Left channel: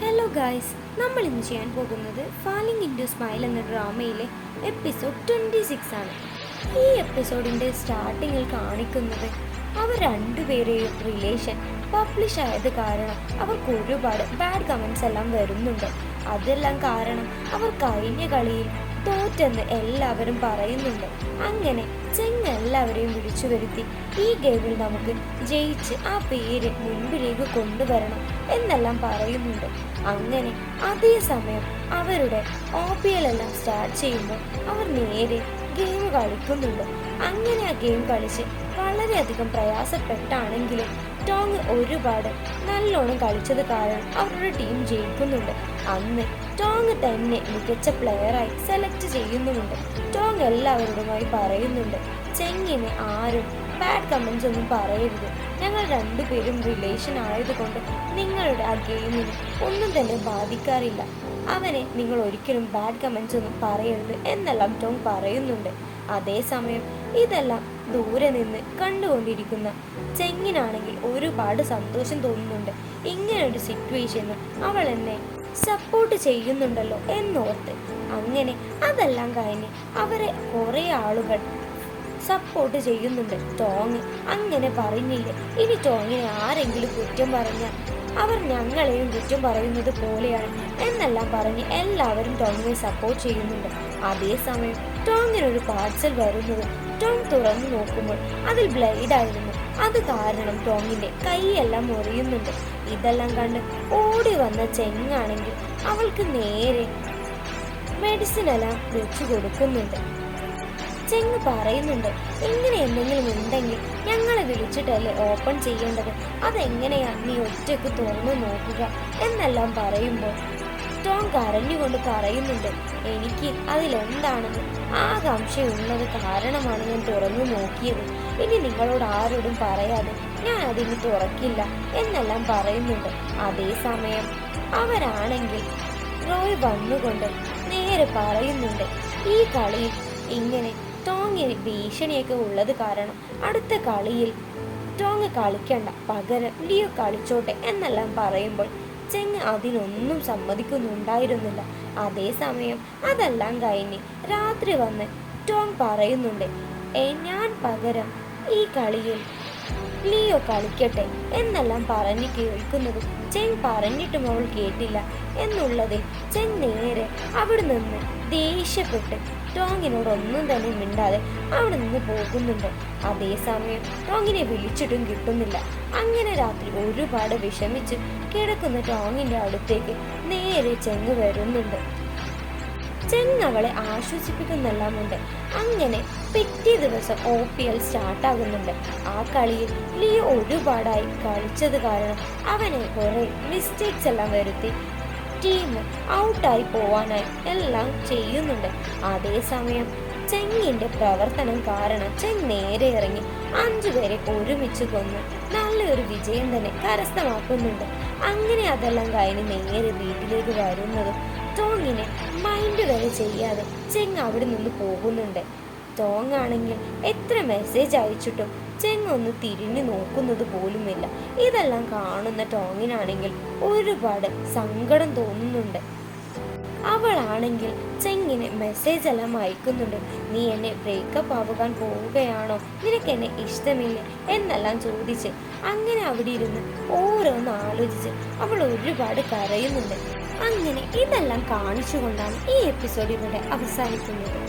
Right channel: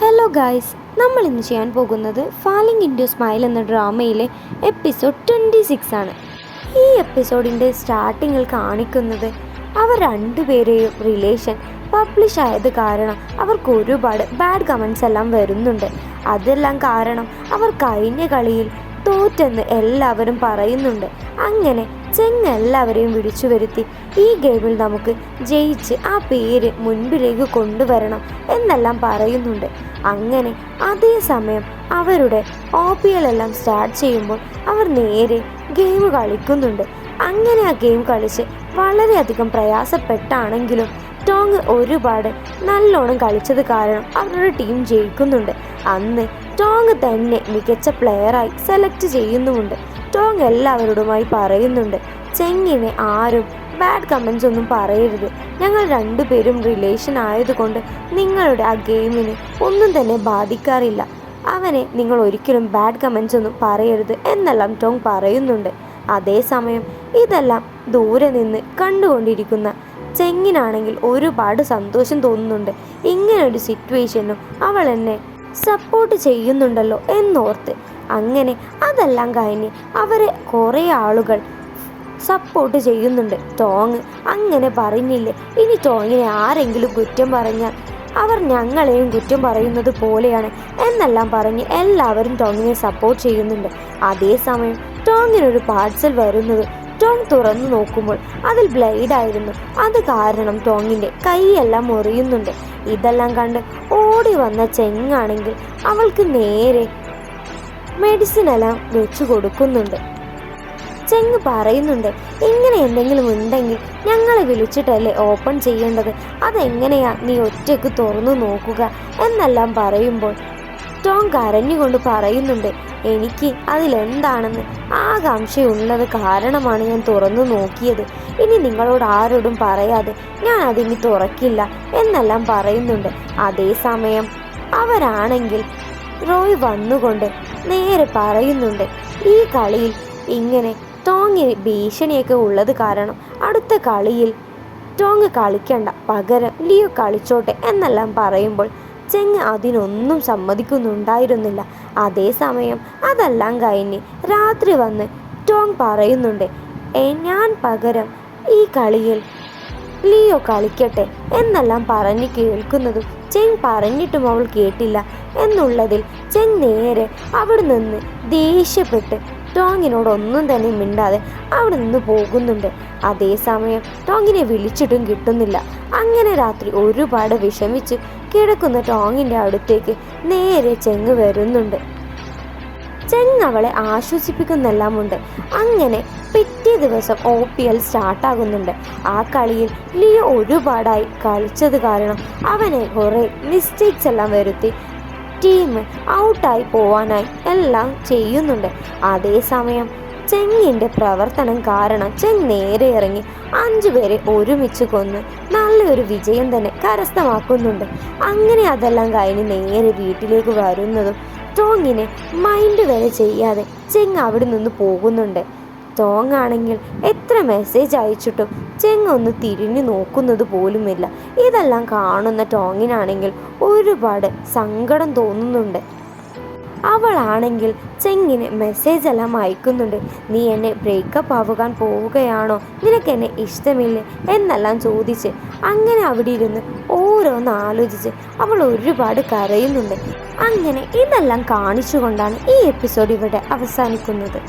Hello guys, നമ്മൾ ഇന്ന് ചെയ്യാൻ പോകുന്നത് ഫാലിംഗ് ഇൻറ്റു സ്മൈൽ എന്ന ഡ്രാമയിലെ എപ്പിസോഡ് 26 ആണ്. ഈ എപ്പിസോഡിൻ്റെ സ്റ്റാർട്ടിങ്ങിൽ കാണിക്കുന്നത് അവർ രണ്ടുപേരെയും റിലേഷൻ പബ്ലിഷ് ആയത് കാരണം അവർക്ക് ഒരുപാട് ബാഡ് കമൻസ് എല്ലാം വരുന്നുണ്ട്. അതെല്ലാം കാരണം അവർ കഴിഞ്ഞ കളിയിൽ തോറ്റെന്ന് എല്ലാവരും പറയുന്നുണ്ട്. അങ്ങനെ ചെങ്ങ് എല്ലാവരെയും വിളിച്ചു വരുത്തി ഈ ഗെയിമിൽ നമുക്ക് ജയിച്ച് ആ പേര് മുൻപിലേക്ക് കൊണ്ടുവരണം എന്നെല്ലാം പറയുന്നുണ്ട്. അങ്ങനെ അതേസമയം അവരുടെ OPL എല്ലാം സ്റ്റാർട്ട് ചെയ്യുമ്പോൾ അവർ നേരെ ഗെയിം കളിക്കുന്നുണ്ട്. അങ്ങനെ ആ ഗെയിം കളിച്ച് വളരെയധികം പ്രയാസപ്പെട്ടാണെങ്കിലും ടോങ് ഒരുപാട് നല്ലോണം കളിച്ചത് കാരണം അവരുടെ ടീം ജയിക്കുന്നുണ്ട്. അന്ന് ടോങ് തന്നെ മികച്ച പ്ലെയറായി സെലക്ട് ചെയ്യുന്നുമുണ്ട്. ടോങ് എല്ലാവരോടുമായി പറയുന്നുണ്ട്, ചെങ്ങിനെ ആരും ബാഡ് കമൻസ് ഒന്നും പറയരുത്, ഞങ്ങൾ രണ്ടുപേരും റിലേഷൻ ആയതുകൊണ്ട് നിങ്ങളുടെ ആ ഗെയിമിന് ഒന്നും തന്നെ ബാധിക്കാറില്ല, അവനെ നിങ്ങൾ ഒരിക്കലും ബാഡ് കമൻസ് ഒന്നും പറയരുത് എന്നെല്ലാം ടോങ് പറയുന്നുണ്ട്. അതേസമയം ഇതെല്ലാം ദൂരെ നിന്ന് കണ്ടുകൊണ്ടിരിക്കുന്ന ചെങ്ങിനാണെങ്കിൽ ഒരുപാട് സന്തോഷം തോന്നുന്നുണ്ട്. ഇങ്ങനൊരു സിറ്റുവേഷനും അവൾ എന്നെ സപ്പോർട്ട് ചെയ്യുന്നുണ്ടല്ലോ എന്നോർത്ത്. അങ്ങനെ അതെല്ലാം കഴിഞ്ഞ് അവരെ കുറേ ആളുകൾ സപ്പോർട്ട് ചെയ്യുന്നുണ്ട്. ടോങ് അങ്ങനെ പറഞ്ഞില്ലേ, ഇനി ടോങ്ങിനെ ആരെങ്കിലും കുറ്റം പറഞ്ഞാൽ അവർ ഞങ്ങളെയും കുറ്റം പറയുന്നത് പോലെയാണ് എന്നെല്ലാം പറഞ്ഞ് എല്ലാവരും ടോങ്ങിനെ സപ്പോർട്ട് ചെയ്യുന്നുണ്ട്. അതേസമയം ടോങ്ങിനൊരു പാർസൽ വരുന്നത് ടോങ് തുറന്നു നോക്കുമ്പോൾ അതിൽ ബ്ലേഡ് ആയിരുന്നു. അത് കാരണം ടോങ്ങിൻ്റെ കൈയെല്ലാം മുറിയുന്നുണ്ട്. ഇതെല്ലാം കണ്ട് ഓടി വന്ന ചെങ്ങാണെങ്കിൽ അവൾക്ക് നേരെ മെഡിസിൻ എല്ലാം വെച്ചു കൊടുക്കുന്നുണ്ട്. ചെങ്ങ് പറയുന്നുണ്ട്, ഇങ്ങനെ എന്തെങ്കിലും ഉണ്ടെങ്കിൽ ഞങ്ങളെ വിളിച്ചിട്ടല്ലേ ഓപ്പൺ ചെയ്യേണ്ടത്, അതെങ്ങനെയാ നീ ഒറ്റയ്ക്ക് തുറന്നു നോക്കുക എന്നെല്ലാം പറയുമ്പോൾ ടോങ് കരഞ്ഞുകൊണ്ട് പറയുന്നുണ്ട്, എനിക്ക് അതിലെന്താണെന്ന് ആകാംക്ഷയുള്ളത് കാരണമാണ് ഞാൻ തുറന്നു നോക്കിയത്, ഇനി നിങ്ങളോട് ആരോടും പറയാതെ ഞാൻ അതിന് തുറക്കില്ല എന്നെല്ലാം പറയുന്നുണ്ട്. അതേസമയം അവരാണെങ്കിൽ റോയ് വന്നുകൊണ്ട് നേരെ പറയുന്നുണ്ട്, ഈ കളിയിൽ ഇങ്ങനെ ടോങ്ങിന് ഭീഷണിയൊക്കെ ഉള്ളത് കാരണം അടുത്ത കളിയിൽ ടോങ് കളിക്കണ്ട, പകരം ലിയോ കളിച്ചോട്ടെ എന്നെല്ലാം പറയുമ്പോൾ ചെങ്ങ് അതിനൊന്നും സമ്മതിക്കുന്നുണ്ടായിരുന്നില്ല. അതേസമയം അതെല്ലാം കഴിഞ്ഞ് രാത്രി വന്ന് ടോങ് പറയുന്നുണ്ട്, ഞാൻ പകരം ഈ കളിയിൽ ലിയോ കളിക്കട്ടെ എന്നെല്ലാം പറഞ്ഞ് കേൾക്കുന്നതും ചെങ് പറഞ്ഞിട്ടും അവൾ കേട്ടില്ല എന്നുള്ളതിൽ ചെങ് നേരെ അവിടെ നിന്ന് ദേഷ്യപ്പെട്ട് ടോങ്ങിനോടൊന്നും തന്നെ മിണ്ടാതെ അവിടെ നിന്ന് പോകുന്നുണ്ട്. അതേസമയം ടോങ്ങിനെ വിളിച്ചിട്ടും കിട്ടുന്നില്ല. അങ്ങനെ രാത്രി ഒരുപാട് വിഷമിച്ച് കിടക്കുന്ന ടോങ്ങിൻ്റെ അടുത്തേക്ക് നേരെ ചെങ്ങ് വരുന്നുണ്ട്. ചെങ്ങ് അവളെ ആശ്വസിപ്പിക്കുന്നെല്ലാമുണ്ട്. അങ്ങനെ പിറ്റേ ദിവസം OPL സ്റ്റാർട്ടാകുന്നുണ്ട്. ആ കളിയിൽ ലിയോ ഒരുപാടായി കളിച്ചത് കാരണം അവനെ കുറേ മിസ്റ്റേക്സ് എല്ലാം വരുത്തി ടീം ഔട്ടായി പോവാനായി എല്ലാം ചെയ്യുന്നുണ്ട്. അതേസമയം ചെങ്ങിൻ്റെ പ്രവർത്തനം കാരണം ചെങ് നേരെ ഇറങ്ങി 5 പേരെ ഒരുമിച്ച് കൊന്ന് നല്ലൊരു വിജയം തന്നെ കരസ്ഥമാക്കുന്നുണ്ട്. അങ്ങനെ അതെല്ലാം കഴിഞ്ഞ് നേരെ വീട്ടിലേക്ക് വരുന്നതും ടോങ്ങിനെ മൈൻഡ് വരെ ചെയ്യാതെ ചെങ് അവിടെ നിന്ന് പോകുന്നുണ്ട്. ടോങ് ആണെങ്കിൽ എത്ര മെസ്സേജ് അയച്ചിട്ടും ചെങ് ഒന്ന് തിരിഞ്ഞു നോക്കുന്നത് പോലുമില്ല. ഇതെല്ലാം കാണുന്ന ടോങ്ങിനാണെങ്കിൽ ഒരുപാട് സങ്കടം തോന്നുന്നുണ്ട്. അവളാണെങ്കിൽ ചെങ്ങിന് മെസ്സേജ് എല്ലാം അയക്കുന്നുണ്ട്, നീ എന്നെ ബ്രേക്കപ്പ് ആവുകാൻ പോവുകയാണോ, നിനക്ക് എന്നെ ഇഷ്ടമില്ലേ എന്നെല്ലാം ചോദിച്ച്. അങ്ങനെ അവിടെ ഇരുന്ന് ഓരോന്ന് ആലോചിച്ച് അവൾ ഒരുപാട് കരയുന്നുണ്ട്. അങ്ങനെ ഇതെല്ലാം കാണിച്ചുകൊണ്ടാണ് ഈ എപ്പിസോഡ് ഇവിടെ അവസാനിക്കുന്നത്.